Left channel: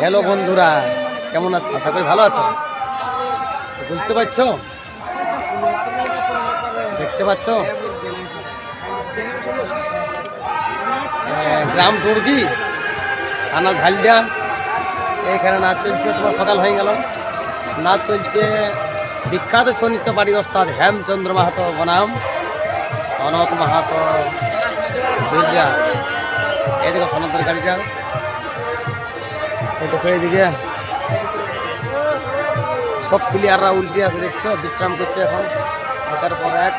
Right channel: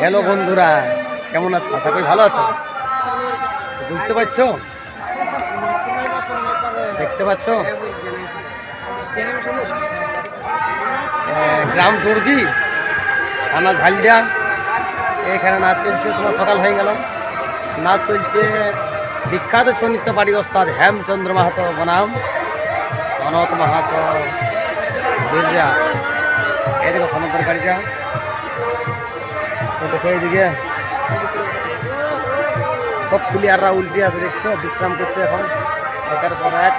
Hello বন্ধুরা, কেমন আছো? আশা করি ভালো আছো। বুঝতে পারছো, দেখতে পাচ্ছ গ্রাম টুর্দি থানা ঝালদিয়া। এখানে নাচ চলছে, তোমার সকাল হয়ে গেল। নাচ চলছে বিখ্যাত ছৌ নৃত্য পার্টি ওস্তাদ হেমচন্দ্র মাহাতো বনাম সনত মাহাতো বীররা। এদিকে সনতের গাড়িটা, দেখো এইদিকে সব প্লেয়াররা উল্টে আছে, দেখছো বিশ্রাম করছে এখন একের পর এক।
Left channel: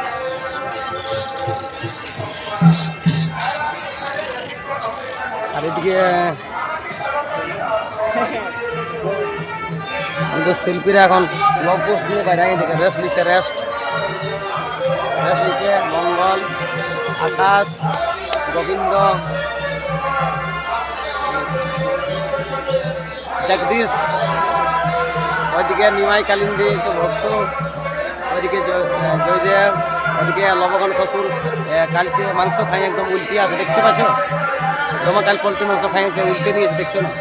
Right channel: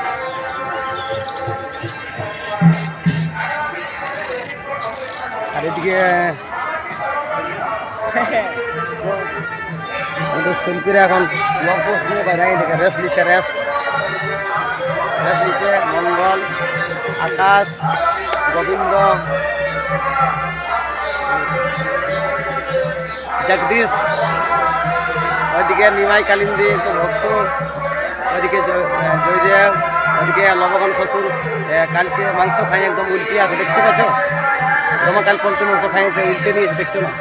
আর এদিকে শিল্পীরা এখন ব্লগ পোস্ট দিয়ে বাইরে দেখে রেস্ট নিচ্ছে। রেস্ট নিচ্ছে মঙ্গল, আকাশ, গোবিন্দ, জগদীশ, ওইদিকে নিমাই কালিন্দী তো ভক্ত, ওইদিকে জয়দেব, ওইদিকে লবগণ শ্বশুর কালকে মাংস খাই একদম উল্টে আছে, দেখতে পাচ্ছ? তোমার কাল পোলট্রি মাংস খাইয়েছে, উল্টে নিয়েছে, দেখছো না?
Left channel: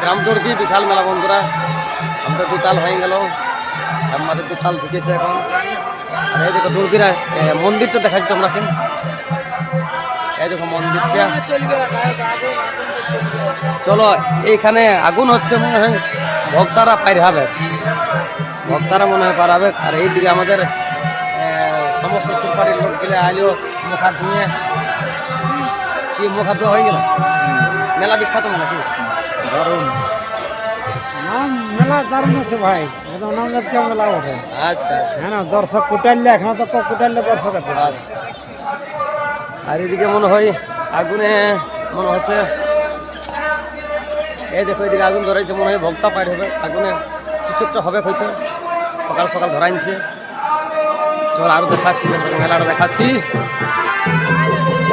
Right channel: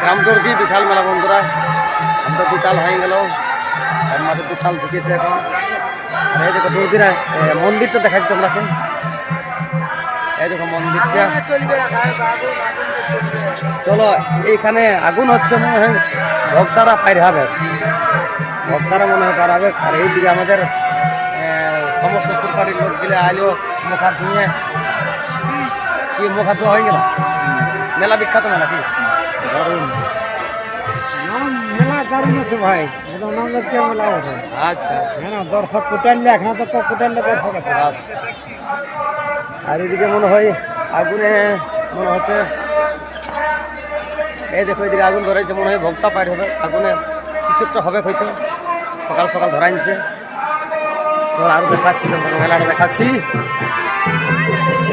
গ্রাম টুর্দি বিশাল মেলা বন্ধুরা। আমাদের দুতাল হয়ে গেল, আমাদের দুতাল ঢুকেছে এখন। আর এই দেখো টুর্দিরা মন্দিরটা দেখাচ্ছি তোমরাকে। এই দেখো মন্দিরটা, চলো এইখানে আগুন হচ্ছে, মনে হয় ভক্তারা পার হবে, ভক্তারা মনে হয় পার হবে। আর এইদিকে আমাদের সমস্ত সুরকারির লোক গেলে আইলেও মুখ হাত ধুয়ে, কি মুখ হাত ধোয়া হয়ে গেল। মেলা বিখ্যাত মেলা, কি দারুণ মেলা, দারুণ আছে ভাই, একদম নবজাতীয় মেলা আছে। আচ্ছা আচ্ছা, হ্যাঁ দর্শক কুটাইলে, এখন তো কুটাইলে দর্শক আছে। আর এদিকে মনে হয় আগুনে মনে হচ্ছে, এই দেখো এদিকে আগুন ধরাইছে, মনে হয় ভক্তা পার হবে আগুনে, কিছু একটা হবে হয়তো। সকাল সকাল ধরাইছে। চল আরো দেখাচ্ছি, তোমাকে মেলাটা দেখাচ্ছি।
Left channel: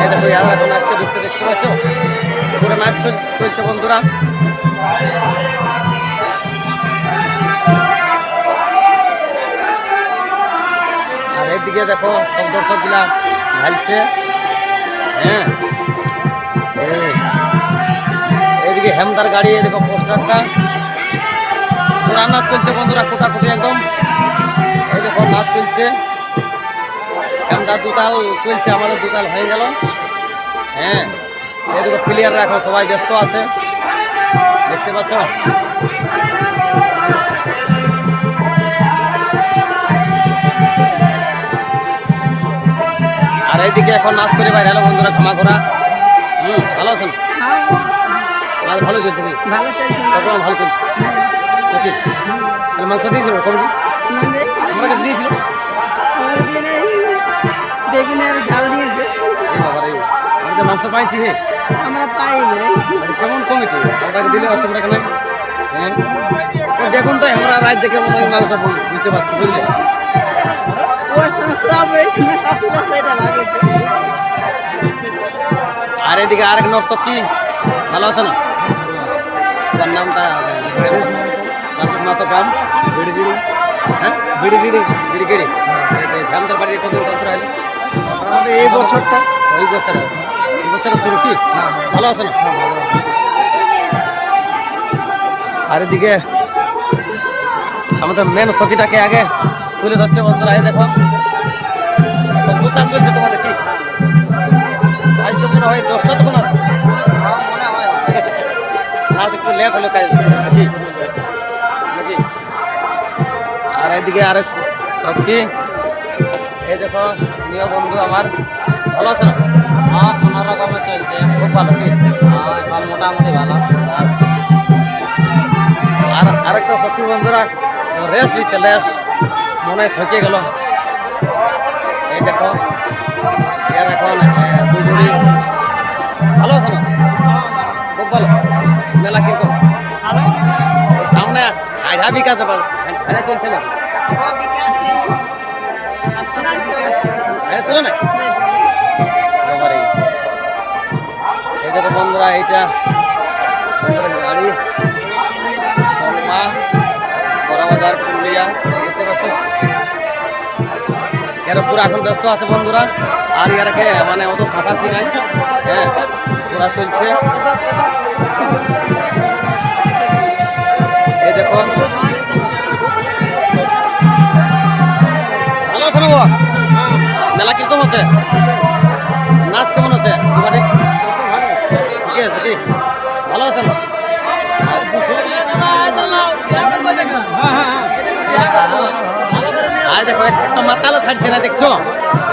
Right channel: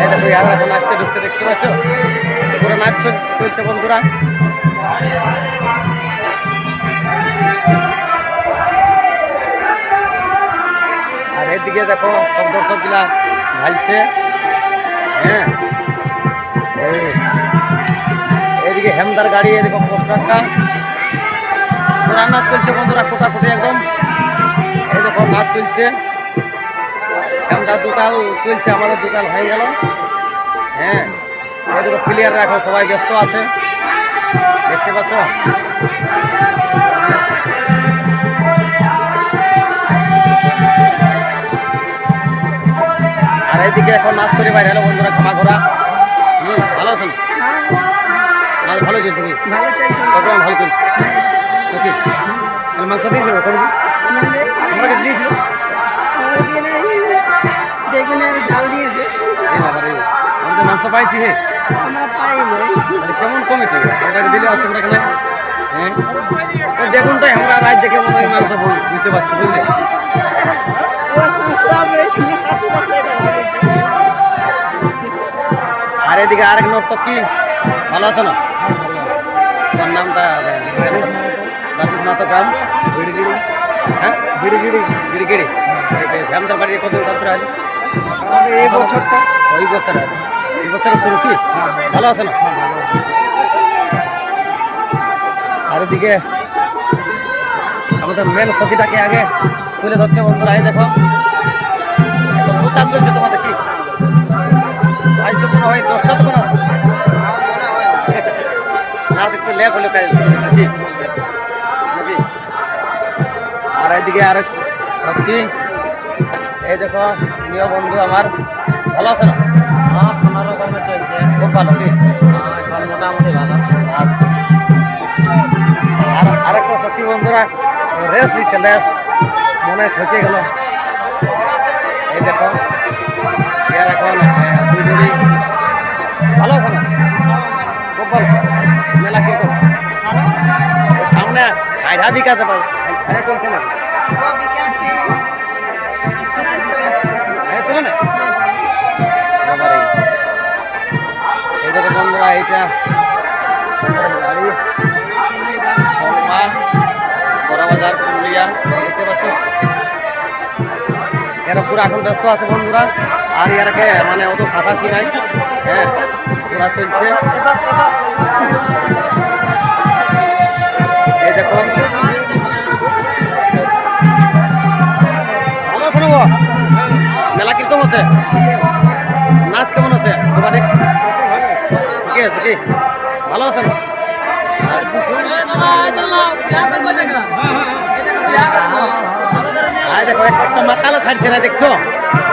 এই দেখো ইয়ার এখন আসতে ঢুকছে, দেখতে পাচ্ছ? পুরো নাচ চলছে বন্ধুরা। আর এদিকে দেখো সব দর্শক গুলা ঢালছে। হ্যাঁ, এইদিকে হেমদার গাড়ি, এদিকে পোস্টারটা, পুরা নাচ চলছে বন্ধুরা, কোটাকুটি একদম। এই দেখো নাচ চলছে, হেমদার দুতাল চলছে, আমাদের দুতাল হয়ে গেল। হ্যাঁ, এই দেখো প্লেয়াররা এখন সবাই ব্যস্ত আছে, দেখতে পাচ্ছ? আর এইদিকে এখন নাচ করে বাইরে হলো বন্ধুরা, খামা ঘোরা। ভালো আছেন? নাচ ভালো চলছে কি? প্রোগ্রাম ভালো চলছে নাকি? তাহলে মাংস দিয়েছিল কবে? আমরা কাছে দিয়েছিল, এই বাবা রে, আমি তো মাংস পাইছি। হে কেমন কমিটি ওটাকে দিলে তোমরা কেন? হ্যাঁ, দেখুন তো আমরা রাত দেখে মনে হয় মাংস দিতে পারছি, বুঝলে? আর এদিকে আরেক নর্তক, কি ভালো আছে না? তোমার নামটা? রাজেশ মাহাতো, গ্রাম বিড়িগিড়ি। হ্যাঁ, বিড়িগিড়ি, বিড়িগিড়ি। শ্যামদার বাড়ির কতদিন কান্তরা আছে? এই বছরটা, ওই বছর, এই বছরের শুরু কি? ভালো আছে না? আর এদিকে আমাদের মেন সখীটাকে আগে তুলে ধরছে বন্ধুরা। এই দেখো এখন দুতাল চলছে তোমাদের, কি আজ তো মনে হয় 10টা তখন আছে নাচ, একটু লেট হলো কাজ নাকি? আর এইদিকে আরেক সখী, এই দেখো প্রিয় বন্ধু আমার, ভালো আছে না? হ্যাঁ, কোনো রকমে চলছে, খুব ভালো। কি মোটামুটি ভালো। আচ্ছা, আর আরেকটা সখী বন্ধুরা রেস নিচ্ছে, রেস মনে হয় থকে গেল। এই দেখো এর এখন দুই জুড়ি। ভালো আছে না? খুব ভালো। মেলা কিরকম? সামনে আধা বিকাশ আধা চলছে না? তুলো না বাবার। এই দেখো বন্ধুরা, এইটা গাড়ি কলমা, বড়বাজার, পুরুলিয়া, দেখতে পাচ্ছ? এরা পুরো এখন ব্যস্ত আছে বন্ধুরা। আর ইয়ারকে মানে অত সাফাসি নাই। হ্যাঁ, পুরা চলছে। দেখো ভালো আছে না মেলা কিরকম আছে নাচ কেমন আছে দোকানে ঠিকই আছে কি ভালো আছে না আয় দেখো একটা মাতালো ছাড়ছে না দেখছো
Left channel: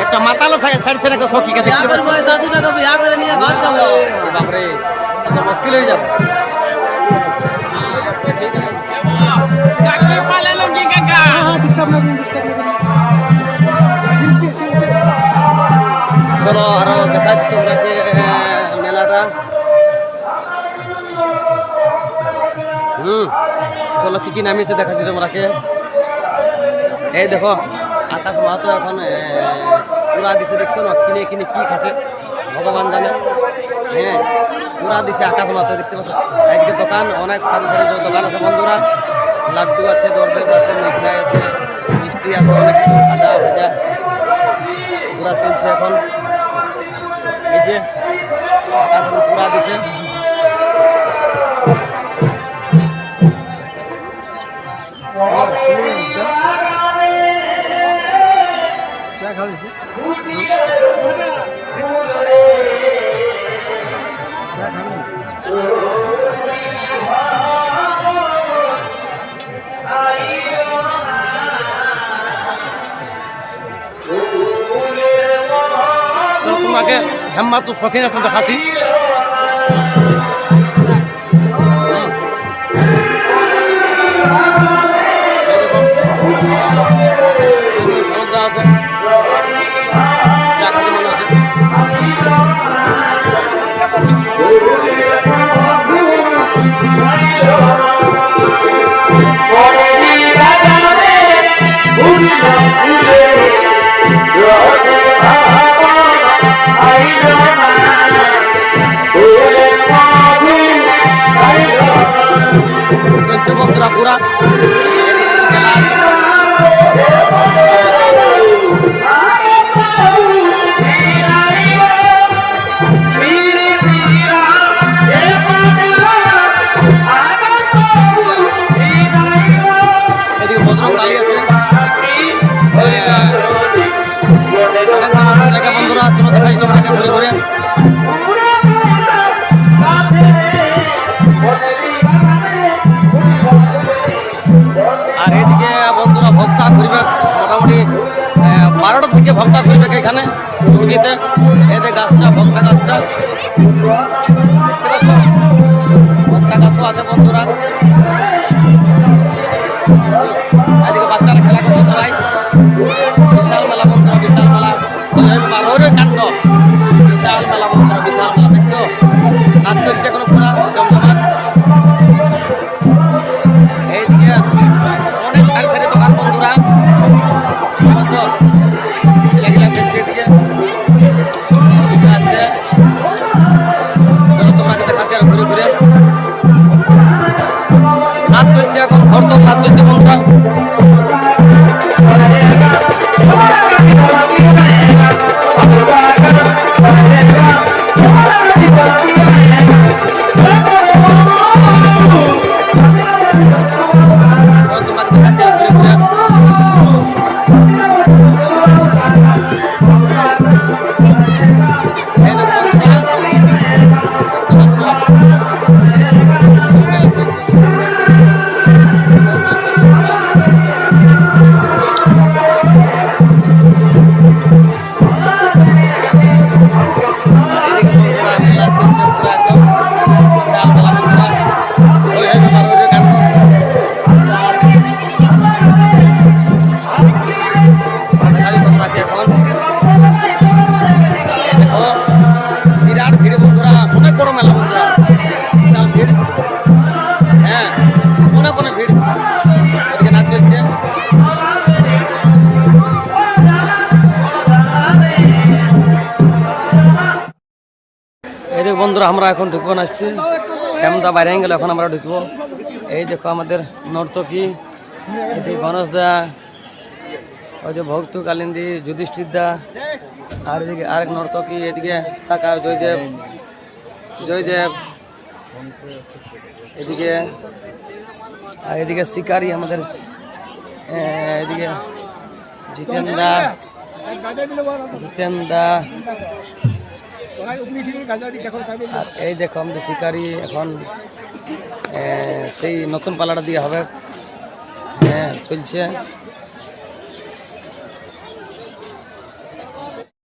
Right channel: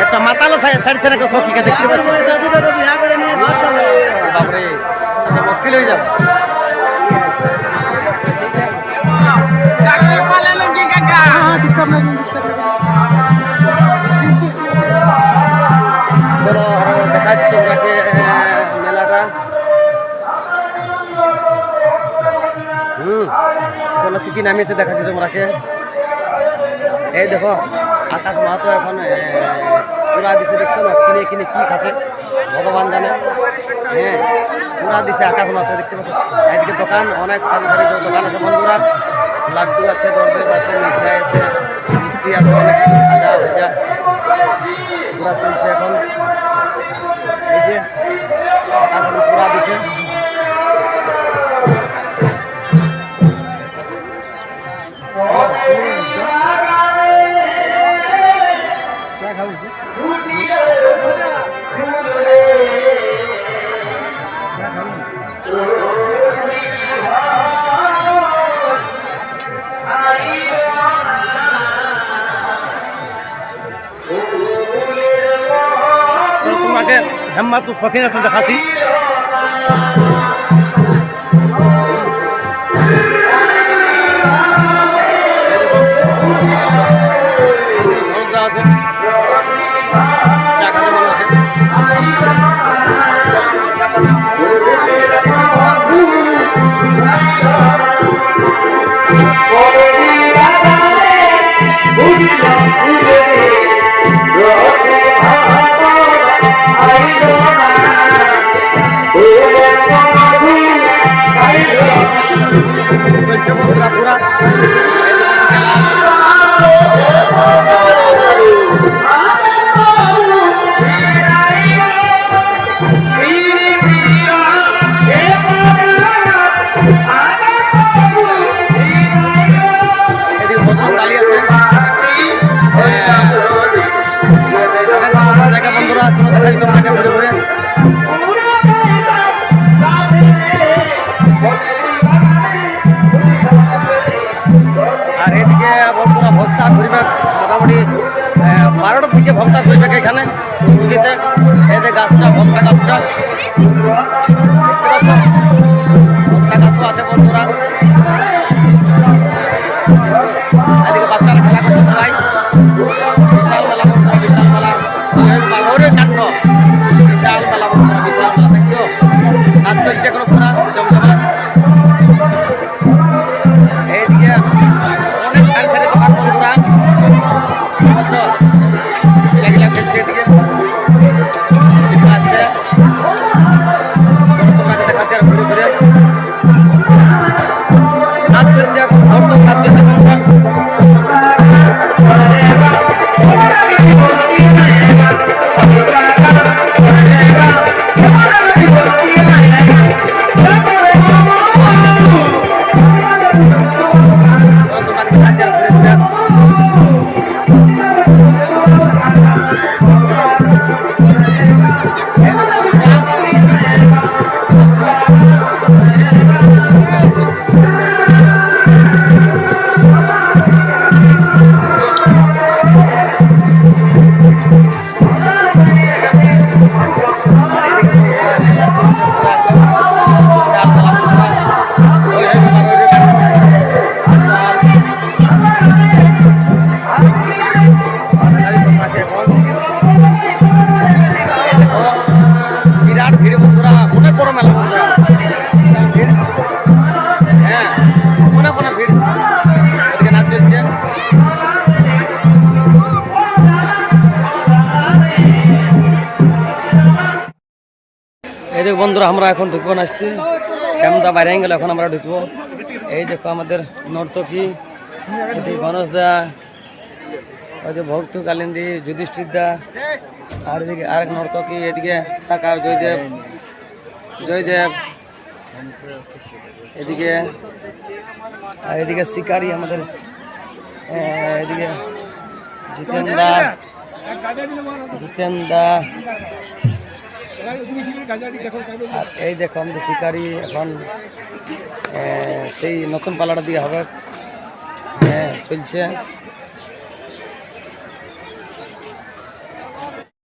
একটা মাতালো ছাড়ছে না একটা সখীকে দেখতে পাচ্ছ দাদুটাকে বিয়া করে নিয়ে ঘর যাবো বাপরে এত মুশকিল হয়ে যাবে চলো আরো দেখাচ্ছি তোমরাকে মেলাটা চলো কি কি নামিয়েছে দেখাচ্ছি তোমরাকে এই দেখো আকাশ মাহাতো এখন পুরা দিছে দেখছো না কিনে কিনে কি খাচ্ছে ভগবান জানে হ্যাঁ পুরা দিছে আকাশ মাহাতো দেখতে পাচ্ছ এদিকে দোকান অনেক সারি সারি দোকান আছে বন্ধুরা লাড্ডু আছে দরবেশ আছে মিঠাই আছে মিষ্টি আছে অনেক কিছু খাজা ভেজা পুরা চলছে এখন এই যে আকাশ এখন পুরা দিছে তোমাকে হেম্মা তো শখিন আসলে দেখাচ্ছি আছে চা খাতে মনে হচ্ছে চলছে বন্ধুরা পুরা খেলা আছে এদিকে বদরং কালী আছে অনেক জায়গা বন্ধুরা কোনো দেখাই তোমরাকে ঘুরে ঘুরে আর এদিকে বন্ধুরা ভক্তা ঘুরবে মোটামুটি 12টা থেকে ভক্তা ঘুরবে এখানে পুজোতে এই যে গাছটা ভক্তা গাছটা দেখতে পাচ্ছ ভক্তা গাছও আছে বন্ধুরা এদিকে বাচ্চারা খেলা করছে সবাই বিশাল মেলা বন্ধুরা বিশাল মেলা বারোরে কাণ্ড বিশাল মেলা বন্ধুরা বিশাল মেলা দেখছো নাচ চলছে এখনো পুরা জমজমাট এইদিকে অনেক সারি সারি দোকান বন্ধুরা বুঝছো ছেলেগুলা খেলছে এদিকে ওদিকে আছে চলো তোমরা দেখাচ্ছি আর ঘুরে ঘুরে নাচ চলছে এখন ভরতক নাচ চলছে বন্ধুরা এই বন্ধুরা আমরা এখন ঢুকবো নাচতে হেমদা বাইরে গেল এখন আমরা ঢুকবো এই দেখো আমাদের নর্তকী এদিকে গণেশ দা ওই যে ভক্ত কালিন্দি যুধিষ্ঠির দা আর এদিকে আরেক নর্তকী এদিকে টাকা জয়দেব জয়দেব এদিকে আর এদিকে শিকারি আমাদের এদিকে জিতেন দা আর এই দেখো আমাদের শিকারি এখন সেই নতুন পালাটা দিয়ে হবে চলছে